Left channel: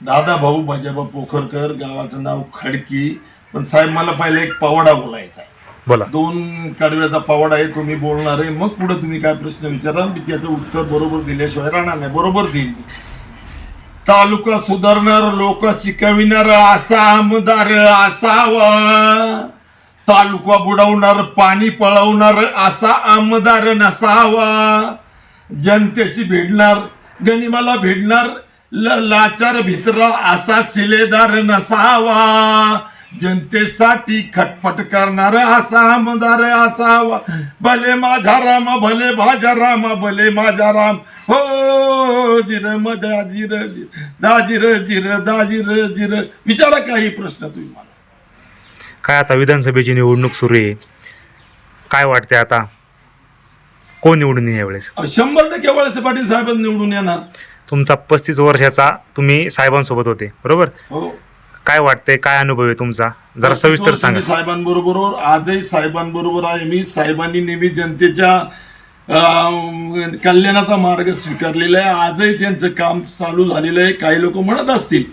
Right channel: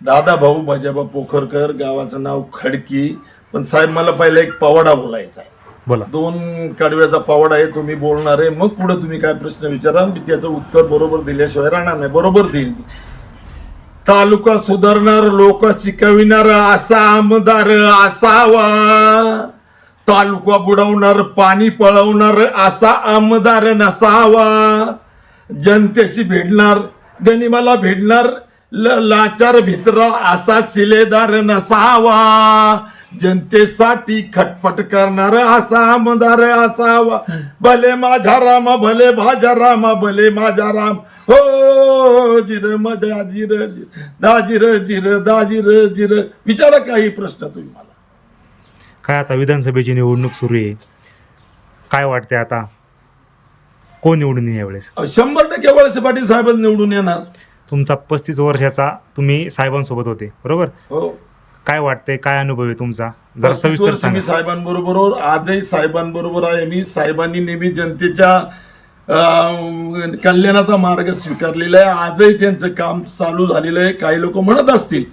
दादा भाऊ भाजपा पोखरकर गावाचं नाव खडकी. पण साहेब मला पहिला एक पवाडा बोलायचा आहे. बोला. दोन कडव्याचा पवाडा आहे तुम्ही बोलणार आहे. मग पुढे तुम्ही काय प्रश्न विचारा मी त्याचं उत्तर बरोबर दिल्याशिवाय राहणार नाही. बरोबर देईल. तालुका सुधारणार लोक शिकविणार असा आमदार असावा. तालुका बुडवणार पाणी पळवणार असा आमदार नसावा. जनतेशी भिडणार गनिमाला भिडणार ल- लाचार भित्रा असा शिलेदार नसावा. जनतेसाठी खटपट करणार असा आमदार असावा. भले माझा रामा भले भाजा रामा भले माझा राम हो जिर मजा जिर दाजिर जिर दाजिर जिर. विचारा काही प्रश्न तुम्ही मला. काय आता विधानसभेची निवडणूक सुरू आहे? काय वाटते आता? कोण निवडून येईल यावेळेस? शंभर टक्के वळसे पाटील साहेब निवडून येणार. तुमचा पस्तीस वर्षाचा तुम्ही साहेबांसोबत होते बरोबर? हो. काय वाटतंय? काय अनुभव आहे तुमचा? जरा सविस्तर सांगा. साहेबांबरोबर आजही साहेबांबरोबर आहे मी. साहेबांनी नेहमी जनतेच्या कल्याणाचा मार्ग स्वीकारलेला आहे. आजही त्यांचं काम चालू झालेलं आहे. काही लोक म्हणत असतील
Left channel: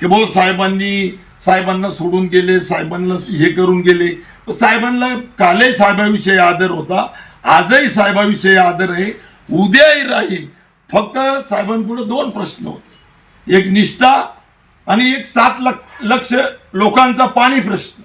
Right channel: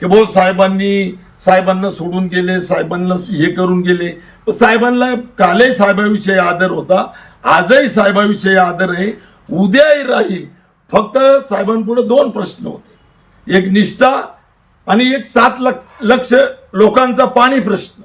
की भाऊ साहेबांनी साहेबांना सोडून गेले साहेबांना हे करून गेले. साहेबांना कालही साहेबाविषयी आदर होता. आजही साहेबाविषयी आदर आहे. उद्याही राहील. फक्त साहेबांपुढे दोन प्रश्न होते. एक निष्ठा आणि एक सात लक्ष लक्ष लोकांचा पाणी प्रश्न.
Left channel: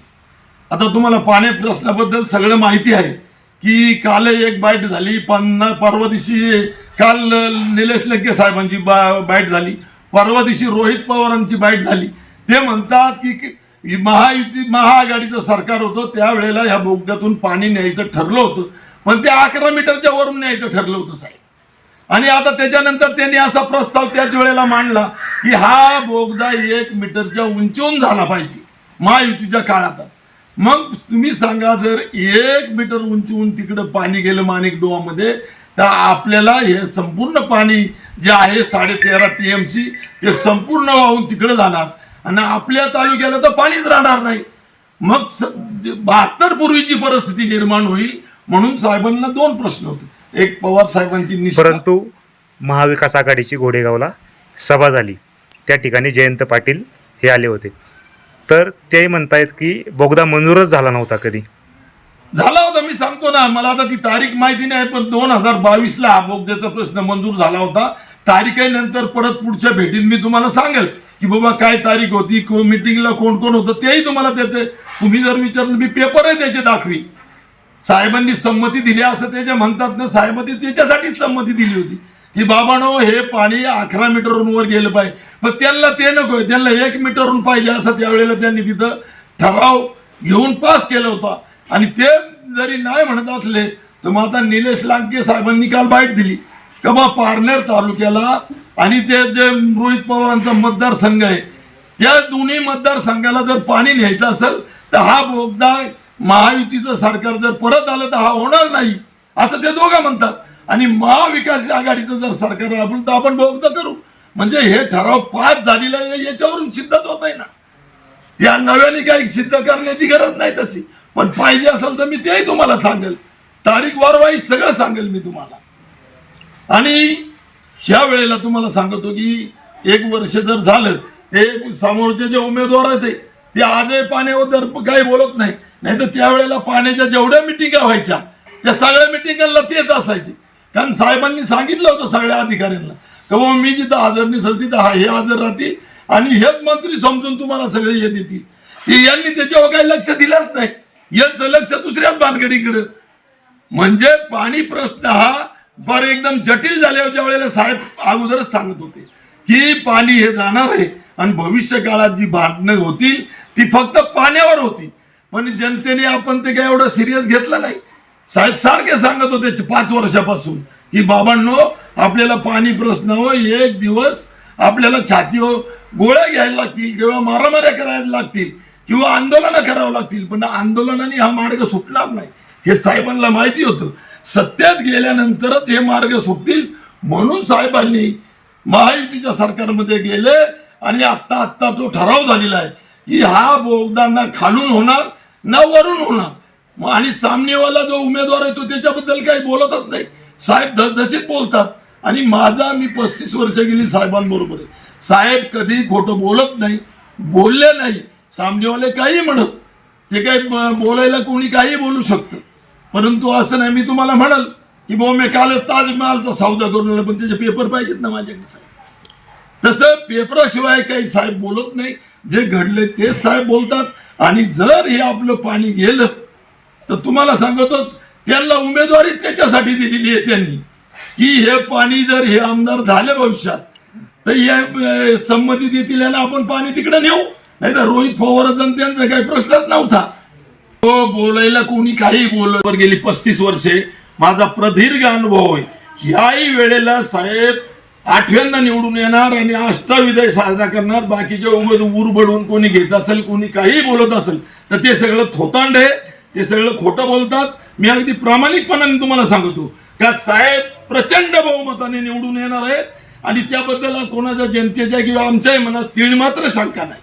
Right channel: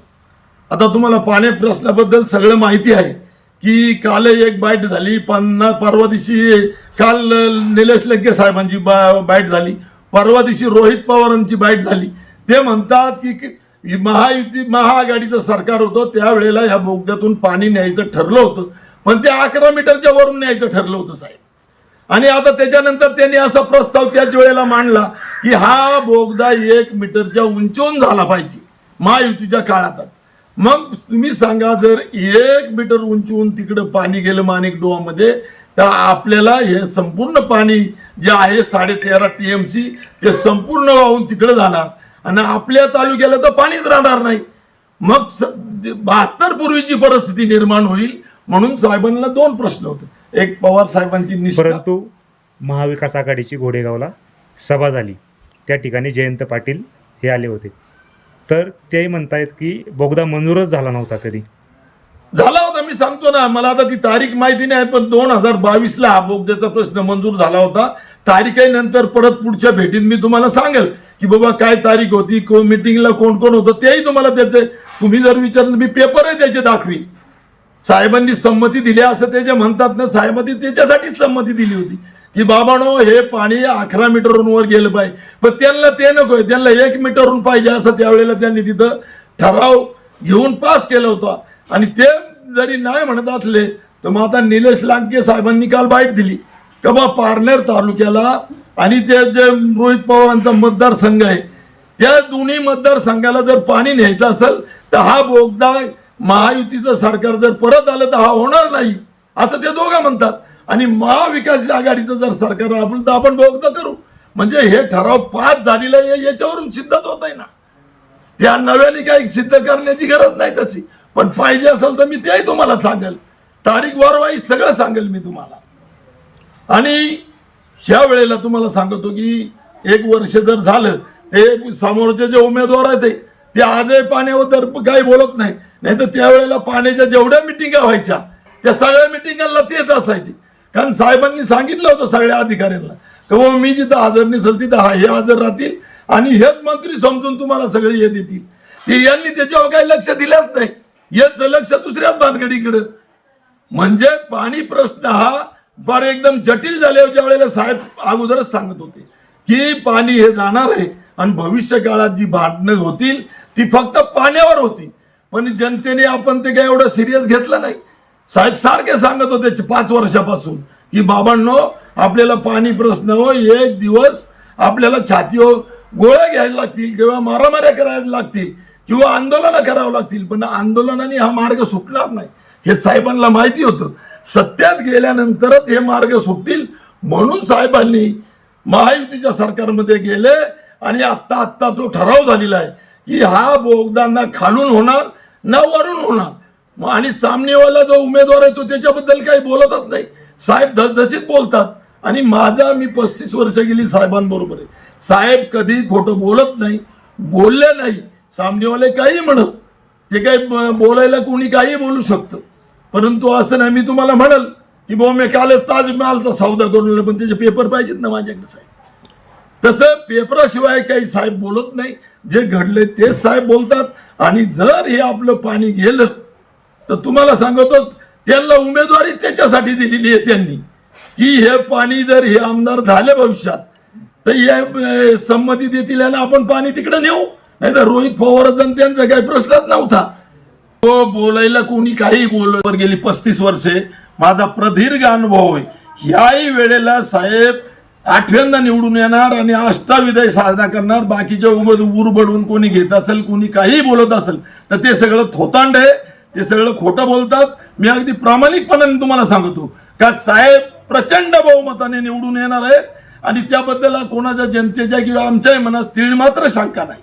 आता तुम्हाला पाणी प्रश्नाबद्दल सगळं माहिती आहे. की काल एक बाईट झाली पन्ना परवा दिवशी काल निलेश लंके साहेबांची बा बाईट झाली. परवा दिवशी रोहित पवारांची बाईट झाली. ते म्हणतात की महायुती महाआघाडीचं सरकार होतं त्यावेळेला ह्या बोगद्यातून पाणी न्यायचं ठरलं होतं. पण ते अकरा मीटरच्या वरून न्यायचं ठरलं होतं साहेब. आणि आता त्याच्यानंतर त्यांनी असा प्रस्ताव त्याच वेळेला मांडला की हा बोगदा एक मीटरच्या उंचून झाला पाहिजे महायुतीच्या काळात. मग तुम्ही सांगा जर एक मीटर उंचीहून तिकडं पाणी गेलं माणिक डोहामध्ये तर आपल्याला हे संपूर्ण पाणी जे आहे साडे तेरा टी एम सी ते संपूर्ण वाहून तिकडं जाणार. आणि आपल्या तालुक्याला तर पाणीच राहणार नाही. मग बहात्तर पूर्वीची परिस्थिती निर्माण होईल म्हणून साहेबांना दोन प्रश्न होते. एक पवार साहेबांची परंतु महाविकास आघाडीची घोडेगावला सभा झाली. त्या ठिकाणी जयंत पाटील हे आले होते. तर ते म्हणतायत की बोगदा मंजूरच झाला नव्हता कधी. झाला होता मी सांगतो ना मला आता ती तारीख माहिती नाही पण दोन हजार बावीसला हा बोगद्याचा प्रश्न मंजूर झाला होता. तारीखानंतर परत पुढच्या भेटीत मी तुम्हाला सांगेल की बाबा काय तारीख होती को मिटिंगला कोण कोण होतं तेही तुम्हाला त्याचे तुम्ही जर विचारलं मी पेपरही त्याचे दाखवी. साहेबांनी संमती दिली असं ते जे म्हणतात ना साहेबांनी त्याच्यासाठीच संमती दिली होती. की बाबानो हे पाणी अकरा मीटरहून वर गेलं पाहिजे. पण त्यांना ते नकोय त्यांना एक मीटरहून पाहिजे असं त्यावेळेला त्यांनी तिथं ठराव घेऊन पास केला होता. आणि ते जरी नाही म्हणत असले तर मग आता निलेश लांके साहेबांनी काल बाईट दिली. का बा पारनेर तालुक्याला आणि ते जे रोहित पवारांचा मतदारसंघ आहे त्या दोन्ही मतदारसंघाला जर पाणी न्यायचं असेल तर हा बोगदा महायुतीचं सरकार जर परत आलं तर हा होणार नाही. असं ते दोघं म्हणतात. आणि महाविकास आघाडीचं जर सरकार आपण तर आपण बोगदा करू. म्हणजे हे ठराव पास झालेलं याच्यावरून सिद्धच होत आहे ना. त्या नव्याने काही सिद्ध करण्याची गरज नाही तशी. पण पाहिजे असेल तर मी तेही तुम्हाला सांगेल. तारीख वारवाई सगळं सांगेल मी तुम्हाला. आणि ह्या वेळेला तुम्हाला सांगतो की एक वर्ष जर झालं ते समोरचे जे उमेदवार आहेत ते- ते आजही दर काही बोलत नाही. नाही तर त्यावेळेला पाण्याच्या जेवढ्या मिटिंगा व्हायच्या त्या सगळ्या मिटिंगांना तेच असायचे. कारण साहेबांनी सांगितलं होतं सगळ्या अधिकाऱ्यांना. का बाबा मी जिथं हजर नसेल तिथं हा हे हजर राहतील आणि हेच मंत्री समजून तुम्हाला सगळे हे देतील. ते यांनी त्याच्यावर काही लक्ष दिलंच नाही. याचं लक्ष दुसऱ्याच बांधगडीकडं म्हणजे पाणी प्रश्न हा फार एकदम जटिल झाल्यावर ज्या वेळेला साहेब अगोदरच सांगत होते की पाणी हे जाणार आहे आणि भविष्य काळात जी भांडणं होतील ती फक्त पाण्यावर होती पण जनतेने आपण ते काय एवढं सिरियस घेतलं नाही. साहेब सारखे सांगत होते पाच वर्षापासून की बाबांनो आपल्याला पाणी प्रश्न हो एक दिवस आपल्याला छातीवर गोळ्या घ्यायला लागतील किंवा मारामाऱ्या करायला लागतील किंवा आंदोलनं करावं लागतील पण आंदोलनाने हा मार्ग सुटणार नाही. हे साहेबांना माहिती होतं. सत्यात गेल्यानंतरच हे मार्ग सुटतील म्हणून साहेबांनी महायुतीच्या सरकारमध्ये गेले आणि आत्ता आत्ता तो ठराव झालेला आहे की हा बोगदा ना खालून होणार ना वरून होणार. मग आणि सामनेवाला जो उमेदवार आहे तो त्याच्याबद्दल काही बोलतच नाही. साहेब धसधशीत बोलतात. आणि माझा मी पस्तीस वर्ष गेली साहेबांबरोबर आहे. साहेब कधी खोटं बोलत नाही बोलले नाही. सामनेवाले काही म्हणत ते काही बोलायला कोणी काही बोलू शकतं. परंतु असं नाही मी तुम्हाला म्हणाल की बाबा मी कालच ताजमहालचा सौदा करून आलो, पण त्याचे पेपर पाहिजेत ना माझ्याकडे साहेब. तसं पेपराशिवाय काही साहेब बोलत नाही. जे घडले तेच साहेब बोलतात. आणि जर हे आपलं पाणी गेलं तर तुम्हाला सांगतो त्यांना उमेदवारी त्याच्यासाठी दिलेली आहे त्यांनी. की हे पाणी जर हे आमदार झाले भविष्यात तर हे संमती देतील आणि आपण पाणी तिकडे नेऊ. नाही तर रोहित पवार त्यांचा काही प्रश्नच नव्हता. तो बोलायला कोणी काही बोलवर गेली पस्तीस वर्षे. माझा प्रदीर्घ अनुभव आहे. ह्याही वेळेला साहेब आठव्यांदा निवडून येणार आणि अष्टाविदय साजरा करणार. बाकीच्या उमेद उर बडवून कोणी घेत असेल कोणी काही बोलत असेल तर ते सगळं थोतांड आहे. ते सगळं खोटं बोलतात. मी अगदी प्रामाणिकपणाने तुम्हाला सांगतो. का साहेब प्रचंड बहुमताने निवडून येणार आहेत आणि त्याबद्दल कोणाच्या जनतेच्या किंवा आमच्याही मनात तीळ मात्र शंका नाही.